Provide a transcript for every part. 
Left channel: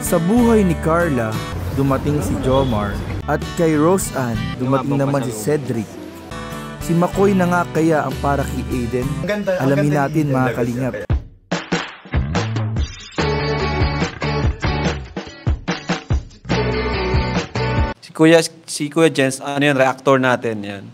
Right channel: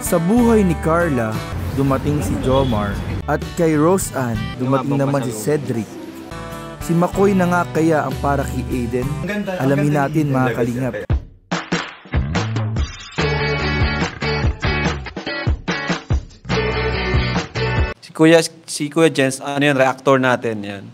Sa buhay ni Carla, dumating si Jomar at kay Roseanne, dumating naman si Cedric. Si Makoy na nga kaya ang para kay Aiden? Alamin natin mga kalingap. Si Kuya Jens, ano yan, reactor natin yan.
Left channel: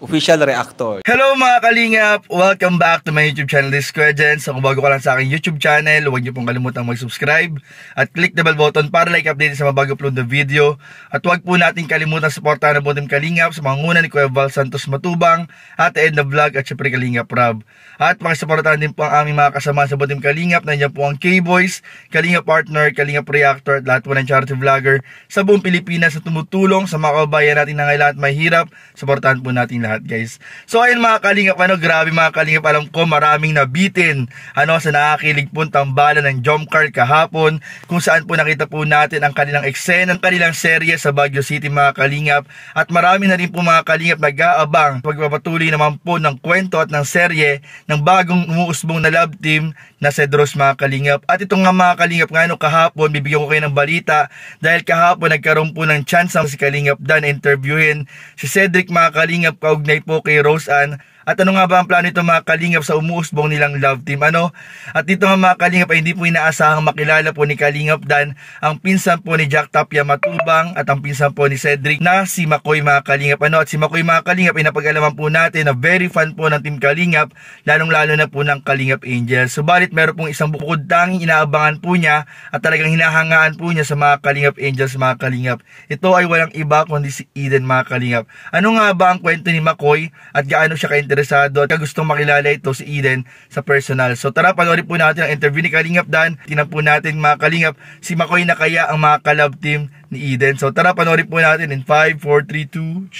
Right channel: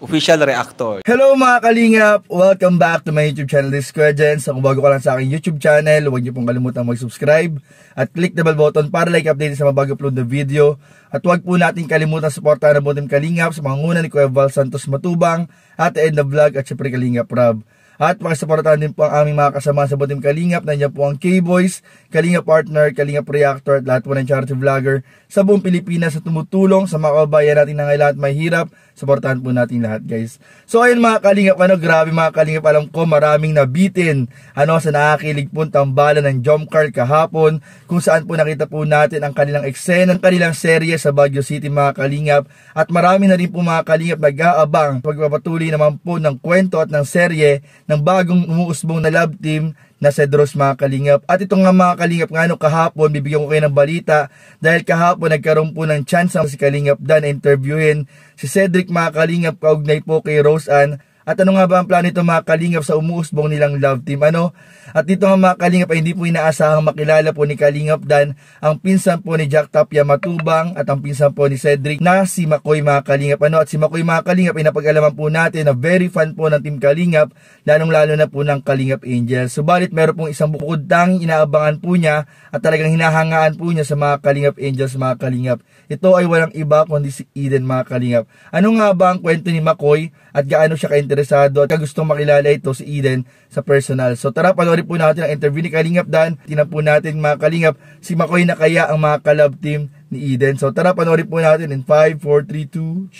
Official reactor. Hello mga kalingap! Welcome back to my YouTube channel. This is Kuya Jens. Kung bago ka lang sa aking YouTube channel, huwag niyo pong kalimutang mag-subscribe at click the bell button para like update sa mga bago upload na video. At huwag po natin kalimutang supportahan ang buong Team Kalingap sa mga nguna ni Kuya Val Santos Matubang, Ate Edna Vlog at syempre Kalingap Rob. At makisuportahan din po ang aming mga kasama sa Team Kalingap. Nandiyan po ang K-Boys, Kalingap Partner, Kalingap Reactor at lahat po ng charity vlogger sa buong Pilipinas na tumutulong sa mga kababayan natin na ngayon at mahirap. Supportahan po natin lahat, guys. So ayun mga kalingap, grabe mga kalingap, alam ko maraming nabitin sa nakakilig po tambalan ng Jomcar kahapon, kung saan po nakita po natin ang kanilang eksena, ang kanilang serye sa Baguio City mga kalingap. At marami na rin po mga kalingap nag-aabang pagpapatuloy naman po ng kwento at ng serye ng bagong umuusbong na love team na Cedros mga kalingap. At ito nga mga kalingap kahapon, bibigyan ko kayo ng balita dahil kahapon nagkaroon po ng chance ang si Kalingap Dan interviewin si Cedric mga kalingap kaugnay po kay Roseanne. At ano nga ba ang plano ito mga kalingap sa umuusbong nilang love team? At dito nga mga kalingap ay hindi po inaasahang makilala po ni Kalingap Dan ang pinsan po ni Jack Tapia Matubang at ang pinsan po ni Cedric na si Makoy mga kalingap. At si Makoy mga kalingap ay napag-alaman po natin na very fan po ng Team Kalingap, lalong lalo na po ng Kalingap Angels. Subalit meron pong isang bukod tanging inaabangan po niya at talagang hinahangaan po niya sa mga Kalingap Angels mga kalingap. Ito ay walang iba kundi si Eden mga kalingap. Ano nga ba ang kwento ni Makoy at gaano siya interesado at gustong makilala ito si Eden sa personal? So tara, panoorin po natin ang interview ni Kalingap Dan. Tingnan po natin mga kalingap si Makoy na kaya ang mga ka-love team ni Eden. So tara, panoorin po natin in 5, 4, 3, 2.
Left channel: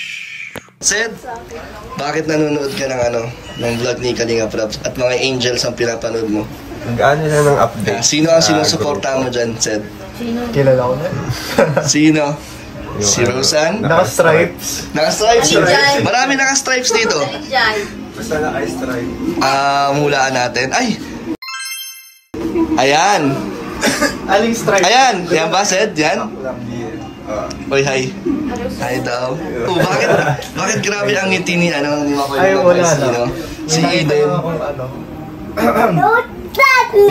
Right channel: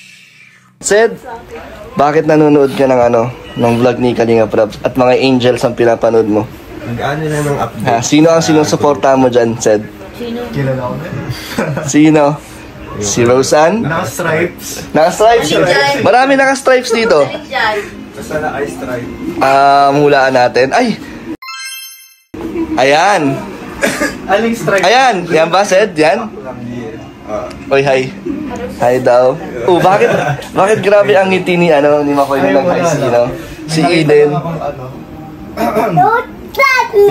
Sed, bakit nanonood ka ng vlog ni Kalingap Rob at mga angels ang pinapanood mo? Nag-ano lang ng update. Sino ang sinusuporta mo dyan, Sed? Sino? Kilala ko na. Sino? Si Roseanne? Naka-stripes. Naka-stripes? Marami naka-stripes dito. Basta naka-stripe. Hulaan natin. Ay! Ayan! Aling stripe? Ayan! Yan ba, Sed? Yan? Oy, hi. Hi daw. Bakit grabe ang ngiti ni Makoy ng si Eden.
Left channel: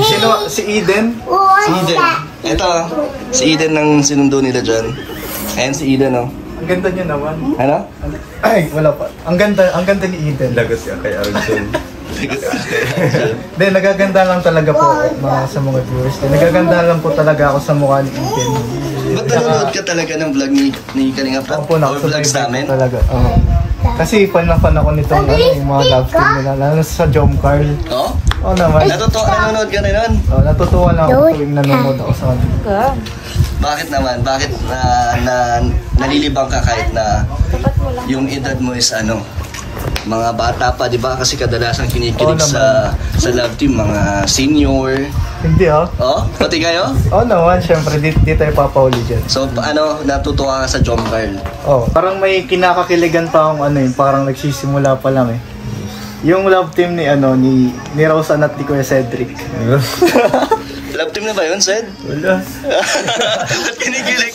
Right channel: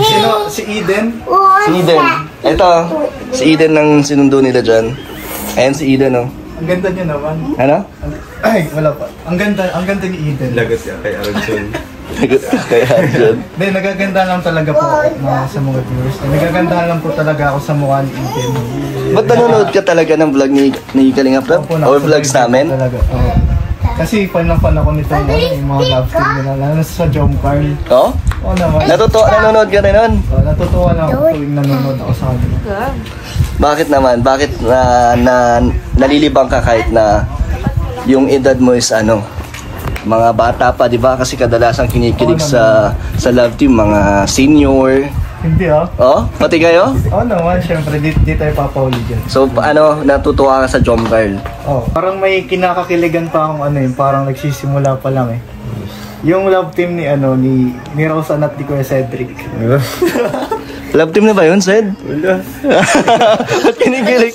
Sino? Si Eden? Si Eden. Ito, si Eden ng sinundo nila dyan. Ayan si Eden, Ang ganda niya naman. Ano? Ay, wala pa. Ang ganda ni Eden. Lagot siya kay Arjun. Hindi, nagaganda lang talaga po sa mga viewers. Nagaganda lang po talaga ako sa mukha ni Eden. Ba't nanonood ka talaga ng vlog ni Kalingap Rob? Or vlogs namin? Talaga, kasi fan ako nitong yung mga love team nila, lalo sa Jomcar. Oo? Oo naman. Nanonood ka na nun? Natutuwa lang ako yung nanonood ako sa kanila. Bakit naman? Bakit nalilibang ka kahit na yung edad mo is mga bata pa, di ba? Kasi kadalasan kinikilig sa love team, mga senior. Hindi Oh? Pati kayo? Oo naman, syempre, di tayo papahuli dyan. So, natutuwa ka sa Jomcar? Parang may kinakakiligan pa akong parang nagsisimula pa lang yung love team ni Roseanne at ni Kuya Cedric. Love team na ba yun, Sed? Wala. Kinikilig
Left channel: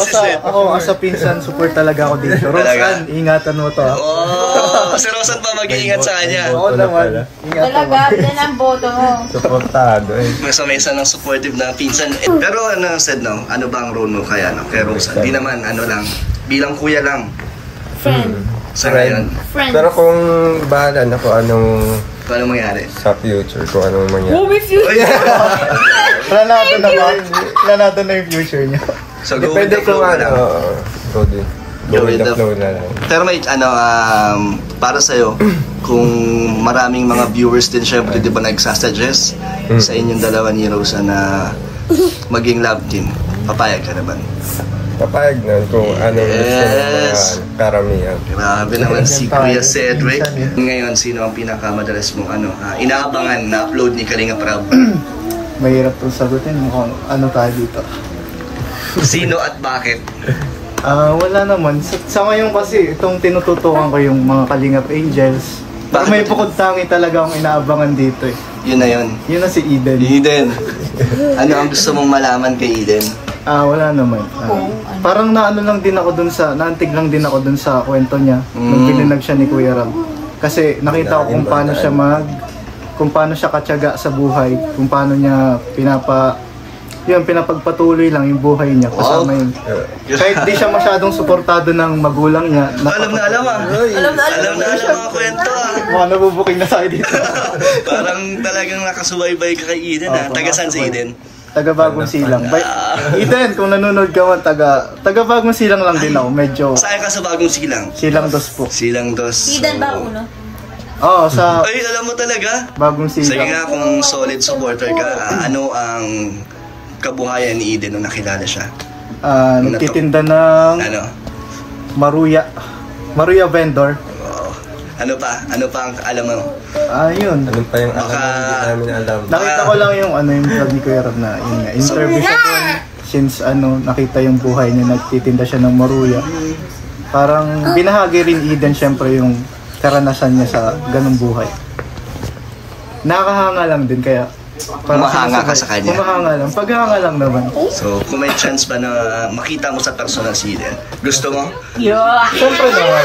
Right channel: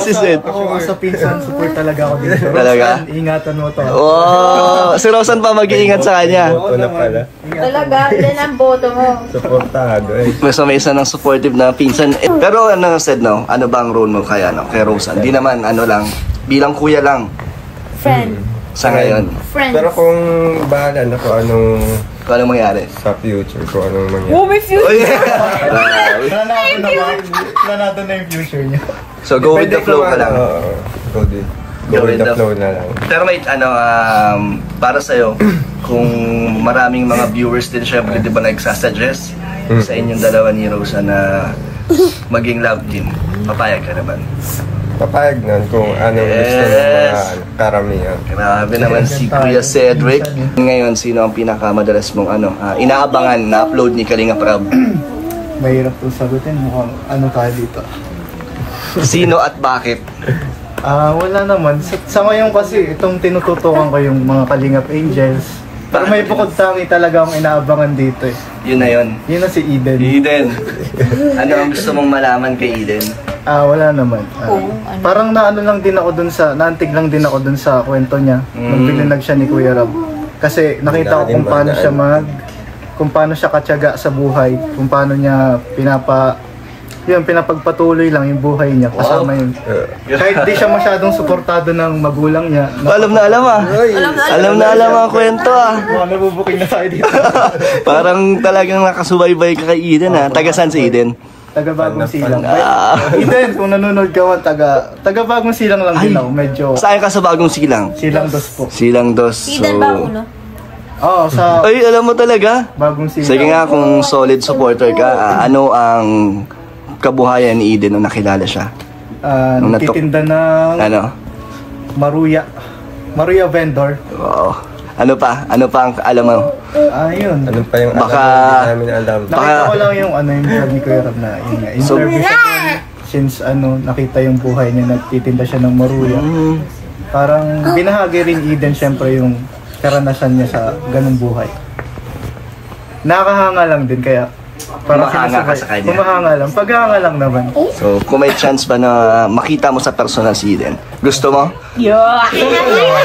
si Sed. Ako sa pinsan, support talaga ako dito. Roseanne, ingatan mo to. Wow! Si Roseanne pa mag-iingat sa kanya. Boto na pala. Talaga, yan ang boto mo. Supportado So may isa ng supportive na pinsan. Pero Sed, ano ba ang role mo kaya kay Roseanne? Di naman, lang, bilang kuya lang. Friend. Sa ngayon. Friend. Pero kung bahala na kung anong mangyari? sa future, kung anong mangyari. Oh, may future! Wala natin na yung future niya. So go with the flow ka lang. Go with the flow na lang. Pero may para sa'yo, kung maraming mga viewers din syempre, di ba nagsasuggest sa inyong dalawa ni Roseanne na maging love team, papayag ka naman? Papayag nun kung anong gusto ng mga karamihan. Grabe naman si Kuya Cedric. Ngayon, sino ang pinakamadalas mong inaabangan na upload ni Kalingap Rob? Mahirap itong sagutin. Mukhang tayo dito. Sino at bakit? Wala naman. Sa ngayon kasi, itong tinututukan ko yung mga Kalingap Angels. Pero may bukod tangi talaga akong inaabangan dito Yun na yun. Yun na si Eden. Eden. Ano ang gusto mong malaman kay Eden? Wala naman. Parang naano lang din ako dun sa, naantig lang din ako dun sa kwento niya. Nung bilinag siya ni Kuya Rab. Kasi nakita ko kung paano siya katyaga sa buhay. Kung paano niya pinapagpatuloy lang yung buhay niya. Kasama yun. Kahit di siya masyadong suportado ng magulang niya. Alam na alam ang kwento Mga nabubuking na tayo dito. Parang talagang nakasubaybay ka kay Eden Taga saan si Eden? Taga Bagong Silang. Eden, kung nanonood ka man, taga Bagong Silang lang din ako. Medyo... Saan ka sa Bagong Silang? Silang Dos po. Silang Dos. Eden ba uno? Oo, sa Ay, alam mo talaga? Bagong Silang. Sige nga, kung solid supporter ka, ano ang kabuhayan ni Eden nung nakilala siya? Nagtitinda ng Maruya vendor. Oo. Ano pa ang alam mo? Yun. Ano pa yung namin alam? Nakita ko lang yung yung vlog ni Kuya Rab na yun nga. Interview siya doon. Since nakita yung buhay niya, nagtitinda siya ng Maruya. Parang binahagi rin Eden syempre yung karanasan niya sa ganung buhay. Nakahanga lang din kaya Humahanga ka sa kanya. Humahanga lang. Paghanga lang naman. So, kung may chance ba na makita mo sa personal si Eden, gusto mo? Siyempre naman.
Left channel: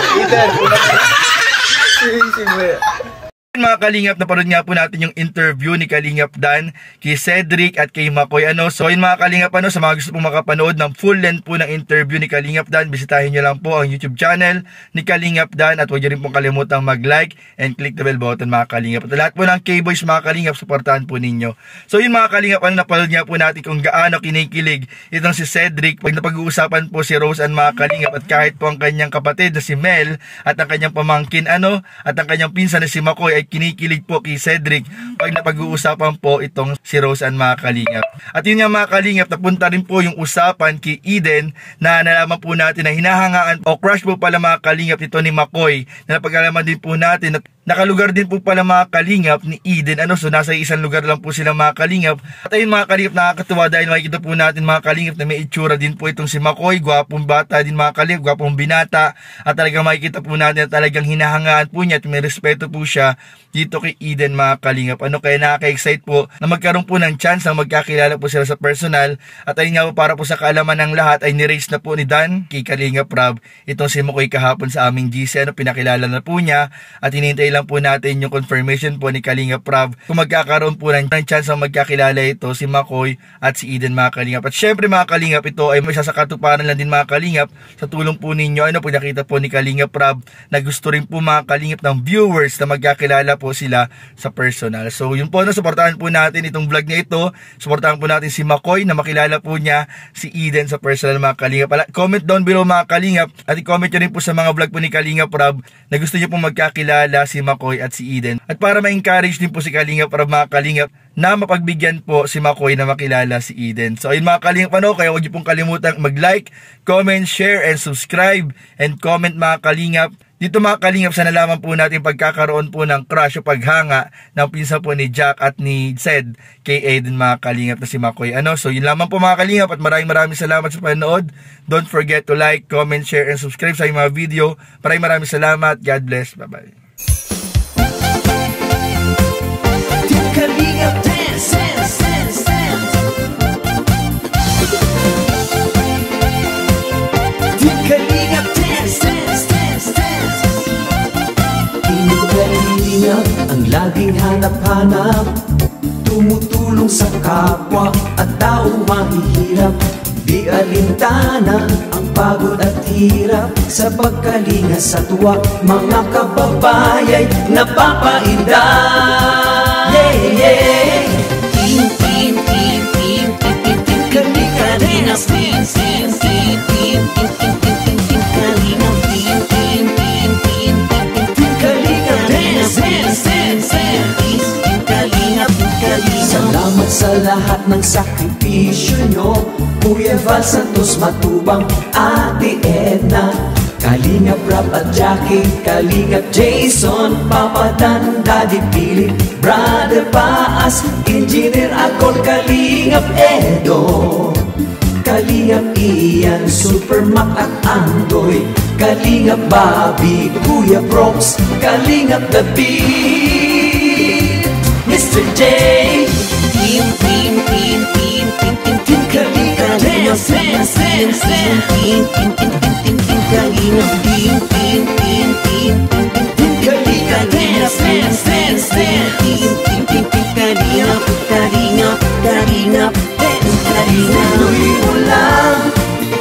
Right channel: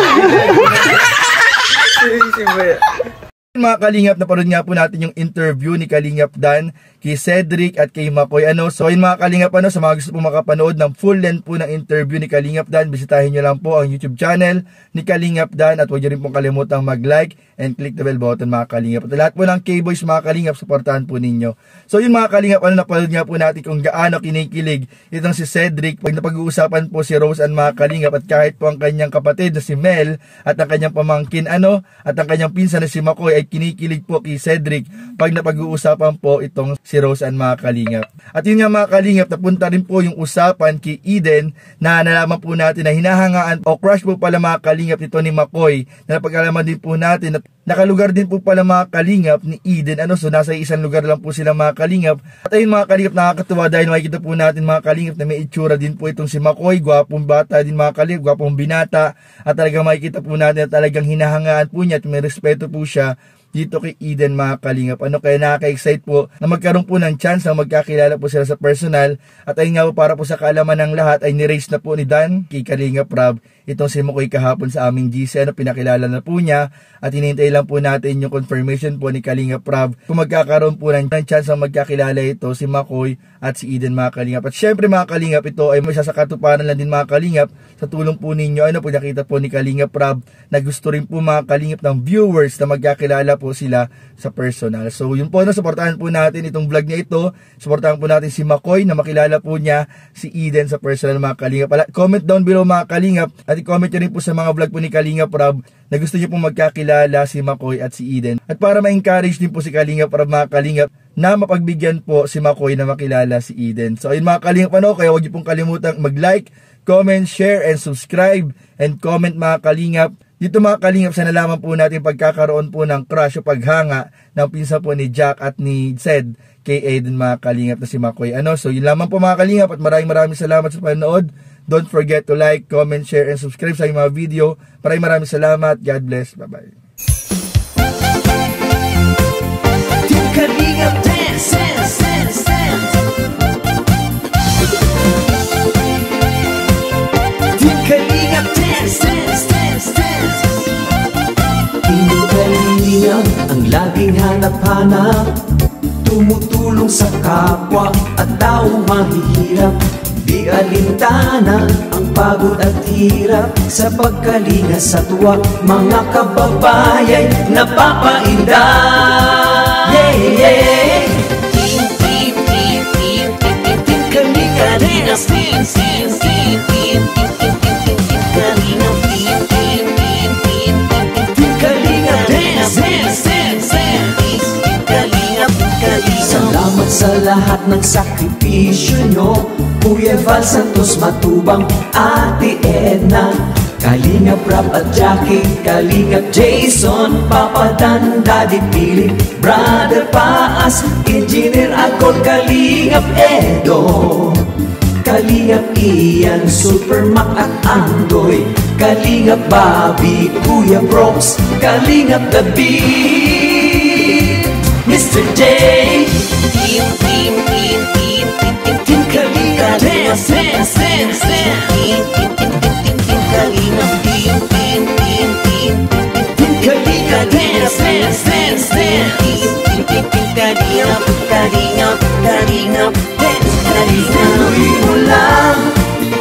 Mga Kalingap, napanood nga po natin yung interview ni Kalingap Dan kay Cedric at kay Makoy. So yun mga Kalingap, sa mga gusto pong makapanood ng full length po ng interview ni Kalingap Dan, bisitahin nyo lang po ang YouTube channel ni Kalingap Dan at huwag nyo rin pong kalimutang mag-like and click the bell button mga Kalingap. At lahat po ng K-Boys mga Kalingap, supportahan po ninyo. So yun mga Kalingap, napanood nga po natin kung gaano kinikilig itong si Cedric pag napag-uusapan po si Rose and mga Kalingap, at kahit po ang kanyang kapatid na si Mel at ang kanyang pamangkin at ang kanyang pinsan na si Makoy ay kinikilig po kay Cedric pag napag-uusapan po itong si Rose and mga Kalingap. At yun nga mga Kalingap, napunta rin po yung usapan kay Eden na nalaman po natin na hinahangaan o crush po pala mga Kalingap ito ni Makoy, na napag-alaman din po natin at nakalugar din po pala mga Kalingap ni Eden. So nasa isang lugar lang po sila mga Kalingap. At ayun mga Kalingap, nakakatuwa dahil makikita po natin mga Kalingap na may itsura din po itong si Makoy. Gwapong bata din mga Kalingap, gwapong binata. At talagang makikita po natin na talagang hinahangaan po niya at may respeto po siya dito kay Eden mga Kalingap. Kaya nakaka-excite po na magkaroon po ng chance na magkakilala po sila sa personal. At ayun nga po, para po sa kaalaman ng lahat ay nirace na po ni Dan kay Kalingap Rab itong si Makoy kahapon sa aming GC. Pinakilala na po niya at hinihintay lang po natin yung confirmation po ni Kalingap Rab kung magkakaroon po ng chance na magkakilala ito si Makoy at si Eden mga Kalingap. At syempre mga Kalingap, ito ay may sasakatuparan lang din mga Kalingap sa tulong po ninyo. Pag nakita po ni Kalingap Rab na gusto rin po mga Kalingap ng viewers na magkakilala po sila sa personal. So yun po, suportahan po natin itong vlog niya ito. Suportahan po natin si Makoy na makilala po niya si Eden sa personal mga Kalingap. Comment down below mga Kalingap at i-comment nyo rin po sa mga vlog po ni Kalingap Rab na gusto nyo po magkakilala si Makoy at si Eden. At para ma-encourage din po si Kalingap Rab mga Kalingap na mapagbigyan po si Makoy na makilala si Eden. So ayun mga Kalingap, kaya huwag nyo pong kalimutang mag-like, comment, share, and subscribe, and comment mga Kalingap. Dito mga Kalingap, sa nalaman po natin pagkakaroon po ng crush o paghanga ng pinsan po ni Jack at ni Zed kay Eden mga Kalingap na si Makoy. So yun lamang po mga Kalingap at maraming salamat sa panonood. Don't forget to like, comment, share, and subscribe sa mga video. Maraming salamat. God bless. Bye-bye. Kalingap dance, dance, dance, dance. Kalingap dance, dance, dance, dance. Hindi kalingap ang laging hanap-hanap, tumutulong sa kapwa at tao mahihirap. Di alintana ang pagod at hirap, sa pagkalinga sa tuwa mga kababayay napapainda. Yeah, yeah. Team, team, team, team, team, team, Kalinga dance, team, team, team, team, team, Kalinga, team, team, team, team, team, Kalinga dance, dance, dance, dance, Kalinga, Kalinga. Salamat sa lahat ng sakripisyo nyo, Kuya Val Santos Matubang, Ate Edna, Kalingap Rab at Jackie, Kalingap Jason, Papa Dan, Daddy Philip, Brother Paas, Engineer Akol, Kalingap Edo, Kalingap Ian, Super Mac at Andoy, Kalingap Bobby, Kuya Brooks, Kalingap The Beat, Mr. today. Team Kalingap, dance. Team Kalingap, Team Kalingap, dance. Team Kalingap, dance. Tuloy mo lang,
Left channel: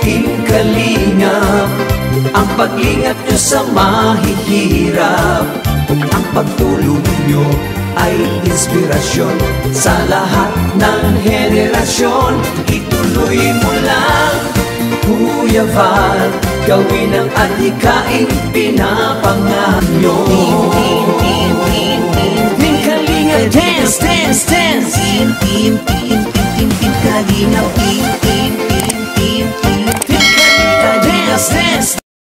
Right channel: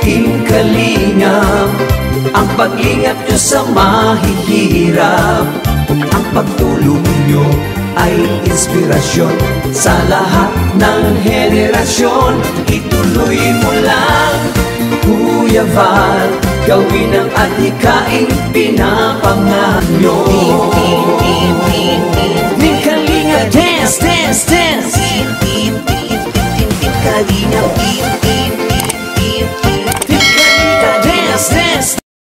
Team Kalingap, ang paglingap nyo sa mahihirap. Ang pagtulong nyo ay inspirasyon sa lahat ng henerasyon. Ituloy mo lang, Kuya Val, gawin ang adhikaing pinapangarap nyo.